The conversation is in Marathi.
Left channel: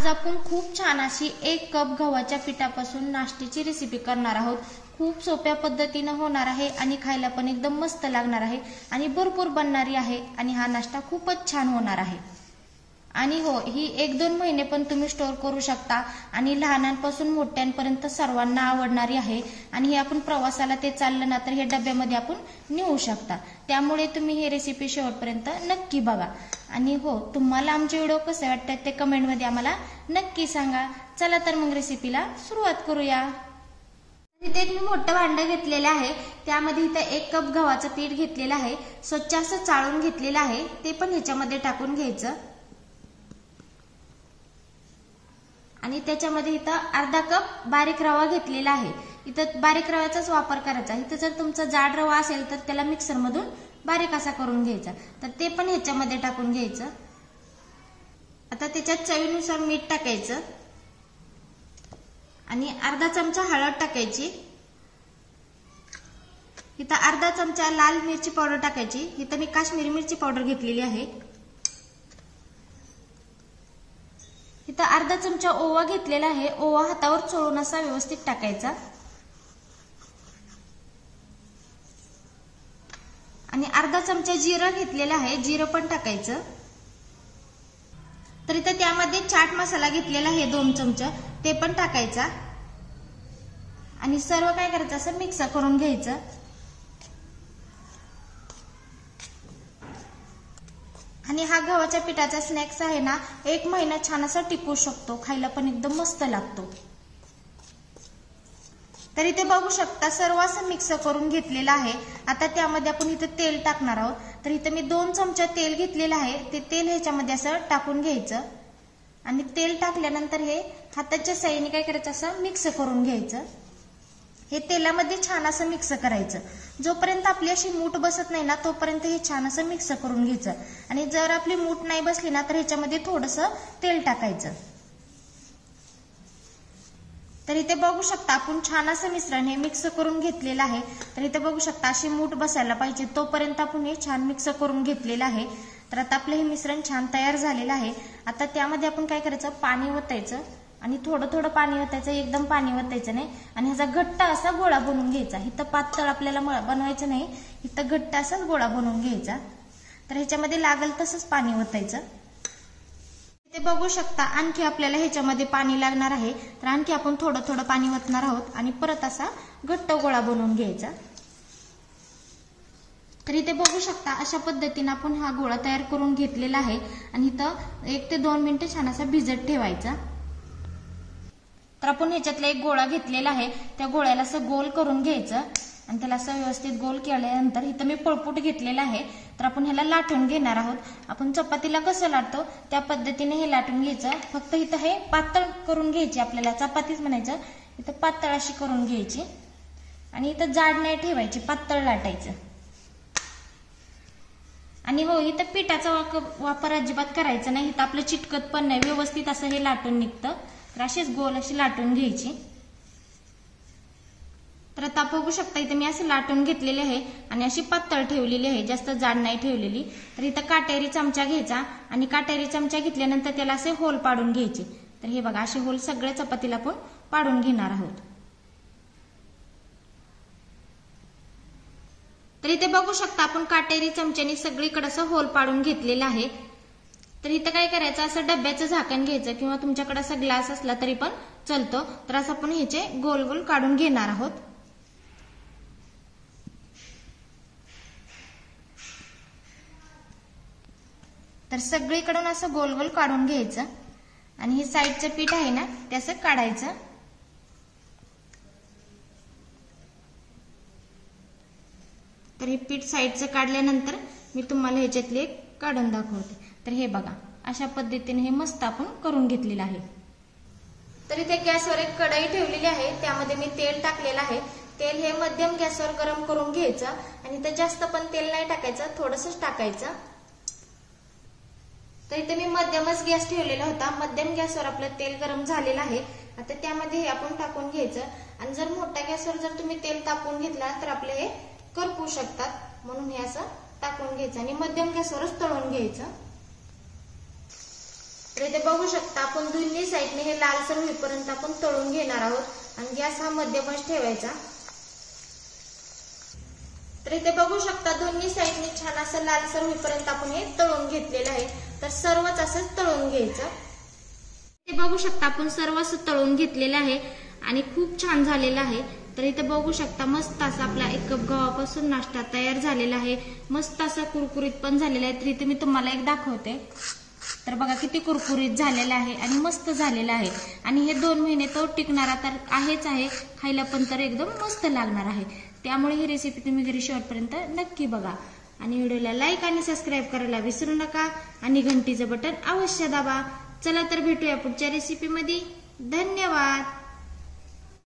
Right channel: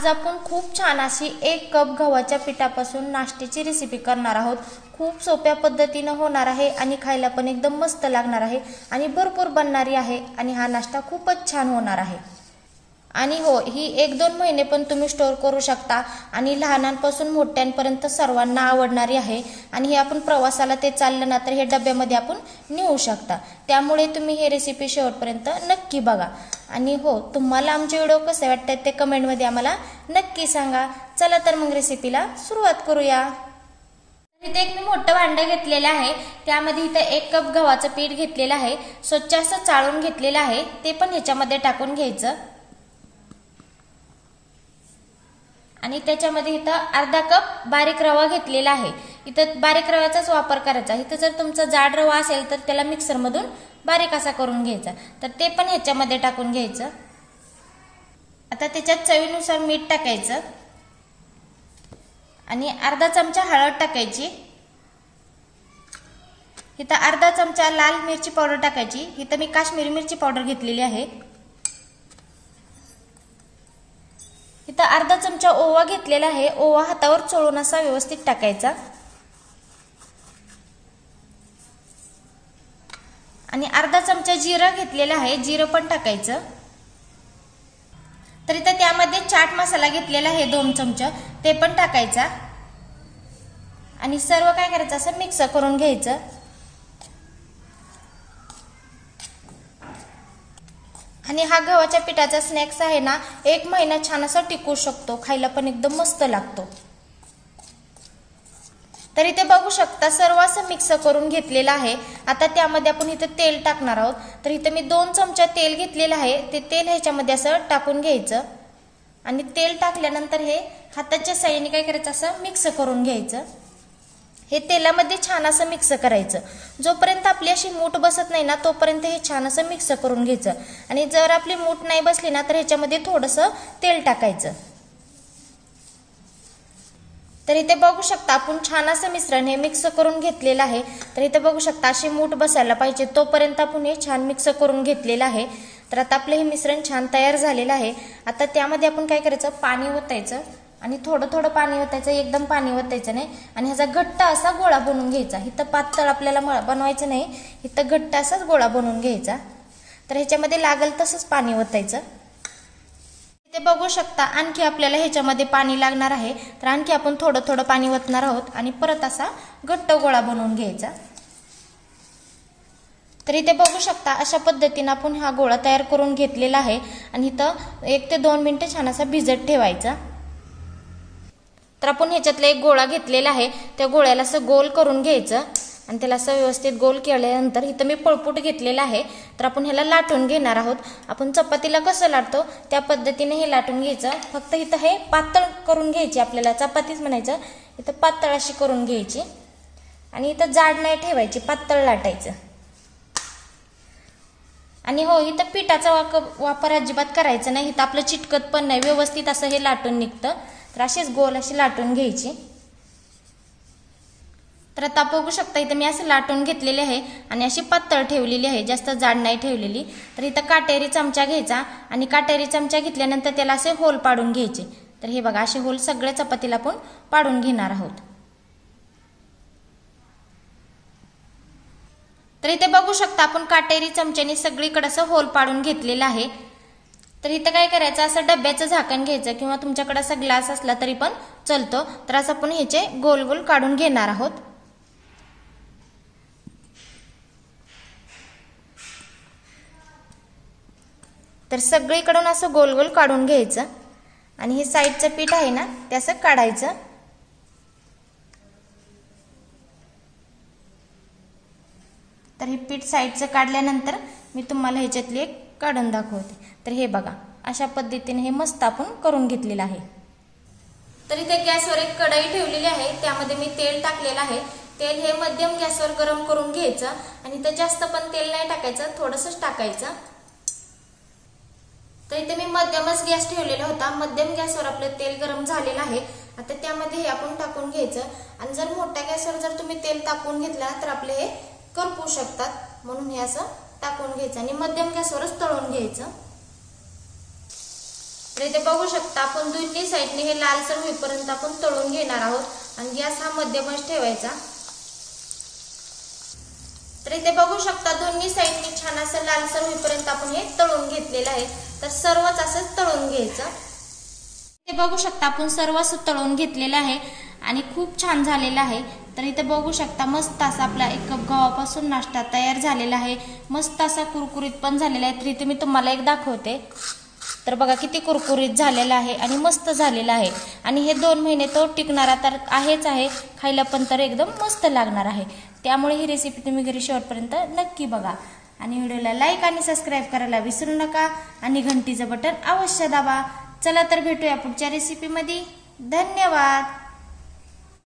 आज आपण खूप छान अशी 1 कप गव्हाच्या पिठापासून नाश्त्याची रेसिपी करणार आहोत। खूप सोप्या पद्धतीने होणार आहे आणि खायला पण एकदम मस्त लागणार आहे आणि भरपूर बनणारी आहे आणि हा नाश्ता खूपच छान होणार आहे। आणि हो, ही 1-2 महिने पण तुम्ही स्टोर करू शकता आणि लहानांपासून मोठ्यांपर्यंत सर्वांना आवडणारी आहे। आणि हे आपण प्रवासाला ते चाललं ना तर हे डब्यामध्ये आपण नेऊ शकता। त्यामुळे तुम्ही ही रेसिपी शेवटपर्यंत नक्की बघा। आणि हो, तुम्हाला आमचे व्हिडिओ कसे वाटतात ते कमेंट मध्ये आम्हाला नक्की सांगा। चला तर मग रेसिपीला सुरुवात करूया। इथे एक मी मोठं भांडं घेतलेलं आहे, त्यामध्ये इथे 1 कप गव्हाचं पीठ घेतलेलं आहे, स्वच्छ असं चाळून घेतलेलं आहे, ते पण ह्याच्यामध्ये टाकून घ्यायचं। आणि त्याच्यामध्ये इथं अर्धा कप बारीक रवा घेतलेला आहे। इथं बारीक रव्याचाच वापर करायचा। इथं जर तुमचा जाड रवा असेल तर त्याला मिक्सर मधून बारीक असा करून घ्यायचा, तर ते पण ह्याच्यामध्ये टाकून घ्यायचं। आता त्याच्यात चवीनुसार मीठ टाकायचं आणि अर्धा चमचा हळद टाकायची। इथं अर्धा चमचा लाल मिरची पावडर टाकायची। इथं मी काश्मीरी मिरची पावडर घेतलेली आहे। इथं अर्धा चमचा ओवा घेतलेला आहे, ओवा हातावर चोळून असा व्यवस्थित टाकायचा। आणि अर्धा चमचा जिरं घेतलेला आहे, जिरं पण टाकायचं। तर इथं त्यामध्ये चाट मसाला घेतलेला आहे 2 चमचे, ते पण टाकायचा। आणि सर्व काय करायचं, असं मिक्स करून घ्यायचं। आणि हा गव्हाच्या पिठाचा स्नॅक्स आहे ना, 1 महिना छान असा टिकू शकतो, खायला पण एकदम मस्त लागतो। तर इथे बघू शकता सर्व असं मिक्स करून घेतलेलं आहे। आता त्यामध्ये आपण इथे तेल टाकणार आहोत। तर इथे मी 2 चमचे तेल घेतलेलं आहे, ते तेल ह्याच्यामध्ये असं टाकून घ्यायचं। आणि तेल टाकल्यानंतर हे हाताच्या साहाय्याने काय करायचं, असं मिक्स करून घ्यायचं। हे तेलामध्ये छान असं मिक्स करायचं। जोपर्यंत आपली अशी मूठ बसत नाही ना तोपर्यंत हे छान असं मिक्स करून घ्यायचं। आणि जर आपली मूठ नाही बसली ना तर ह्याच्यामध्ये थोडंसं तेल टाकायचं। तर इथे बघू शकता आपण छान असं मिश्रण हे मिक्स करून घेतलेलं आहे। तर इथे बघू शकता अशी मूठ बसायला पाहिजे तोपर्यंत आपण हे छान मिक्स करून घेतलेलं आहे। तर आता आपलं हे मिश्रण छान तयार झालेलं आहे। आता त्यामध्ये आपण काय करायचं, पाणी ओतायचं आणि थोडं थोडं पाणी ओतायचं, एकदम पाणी ओतायचं नाही। आणि ह्याचा घट्ट असा गोळा बनवून घ्यायचा। इथं पातळ आपल्याला बनवायचं नाही, इथं घट्ट असाच गोळा बनवून घ्यायचा। तर ह्याच्यामध्ये लागल तसंच पाणी ओतायचं। इथे बघू शकता आणखी आपल्याला ह्याच्यामध्ये पाणी लागणार आहे, तर आणखी आपण थोडं थोडं पाणी ओतणार आहोत आणि परत असा घट्ट गोळा बनवून घ्यायचा। तर इथे बघू शकता अशा पद्धतीने आपण हा गोळा तयार करून घेतलेला आहे। आणि इथं 1 ते 2 मिनिटं छान असा भिजत ठेवायचा। तर आपण ह्याच्यातला एक गोळा घेतलेला आहे, त्या गोळ्याला असं गोल करून घ्यायचं आणि त्याला असं व्यवस्थित गोल केल्यानंतर इथं मी पळपूट घेतलेला आहे, तर आपण ह्याला लाटून घेणार आहोत। आपण चपातीला कसं लाटतो त्या पद्धतीने हे लाटून घ्यायचं। फक्त इथं हे पातळ करून घ्यायची, आपल्याला चपातीच म्हणायचं, इथं पातळ अशी करून घ्यायची आणि इथं जाड नाही ठेवायची, पातळ लाटायचं। आणि हो, इथं पिठाचा वापर अजिबात करायचा नाही, इथं आपलं चिटकत पण नाही, व्यवस्थित असं हे लाटून निघतं। तर अशीच गोल अशी लाटून घ्यायची। तर आता बघू शकता इथे मी असं लाटून घेतलेले आहे आणि अशी पातळ ठेवलेली आहे, जास्त जाड नाही ठेवलेली। तर इथं काटेरी चमचा घ्यायचा आणि काटेरी चमचा घेतल्यानंतर त्याला असे होल पाडून घ्यायचे। तर हे बघा असे होल सगळ्या चपातीला आपण पाडून घेणार आहोत। तर इथे बघू शकता आपण काटेरी चमच्याने सगळीकडे असं होल पाडून घेतलेलं आहे। तर इथं काय करायचं, असं डब्याचं झाकण घ्यायचं किंवा तुमच्याकडे असा ग्लास असला तरी पण चालतो। तर असं आपण ह्याचे गोल गोल काढून घेणार आहोत। तर सगळीकडून असं गोल गोल काढून घ्यायचं आणि हे साईडचं पीठ आहे ना ते असं काढायचं। तर हे पीठ साईडचं काढल्यानंतर मी तुम्हाला ह्याच्यातली एक काढून दाखवते। तर हे बघा अशा पद्धतीने हे मस्त आपण करून घेतलेलं आहे। तर इथे गॅसवर एक कढई ठेवलेली आहे, त्यामध्ये मी तेल टाकलेलं आहे। तेल हे मध्यम गॅसवर गरम करून घ्यायचं आणि इथं जास्त पण तेल नाही टाकायचं, थोडंसंच टाकायचं। तर इथे मी मध्यमच गॅस ठेवलेला होता, मध्यम गॅसवर आपलं तेल गरम झालेलं आहे। आता त्यामध्ये हे आपण टाकून घ्यायचं आणि जर मोठ्या गॅसवर जर तुम्ही तेल टाकून घेतला तर आपले हे करपू शकतात, म्हणून हे असं टाकून घ्यायचं आणि मध्यम गॅसवरच तळून घ्यायचं। तर इथे बघू शकता आपण दोन्ही साईडने हे लालसर होईपर्यंत आपण तळून घेणार आहोत आणि गॅस हा मध्यमच ठेवायचा। तर इथे बघू शकता दोन्ही साईडने छान असं लालसर होईपर्यंत आपण हे तळून घेतलेलं आहे। तर सर्वच असंच तळून घ्यायचं। इथे बघू शकता आपण सर्व असं तळून घेतलेलं आहे आणि खूप छान झालेलं आहे। तर इथे बघू शकता मस्त असा आपला 1 कप गव्हापासून नाश्ता तयार झालेला आहे। मस्त असा कुरकुरीत पण झालेला आहे। तर इथे मी तुम्हाला एक दाखवते। तर बघा किती कुरकुरीत झालेला आहे आणि मस्त झालेला आहे आणि हे 2 महिने तो टिकणारा तर आहेच आहे, खायला पण तर एकदम मस्त लागणार आहे। त्यामुळे ही रेसिपी तुम्ही घरी शेवटपर्यंत नक्की बघा आणि व्हिडिओला लाईक आणि सबस्क्राईब करायला विसरू नका आणि घंटीचं बटन अवश्य दाबा। चला तर भेटूया पुढच्या रेसिपीमध्ये। धन्यवाद।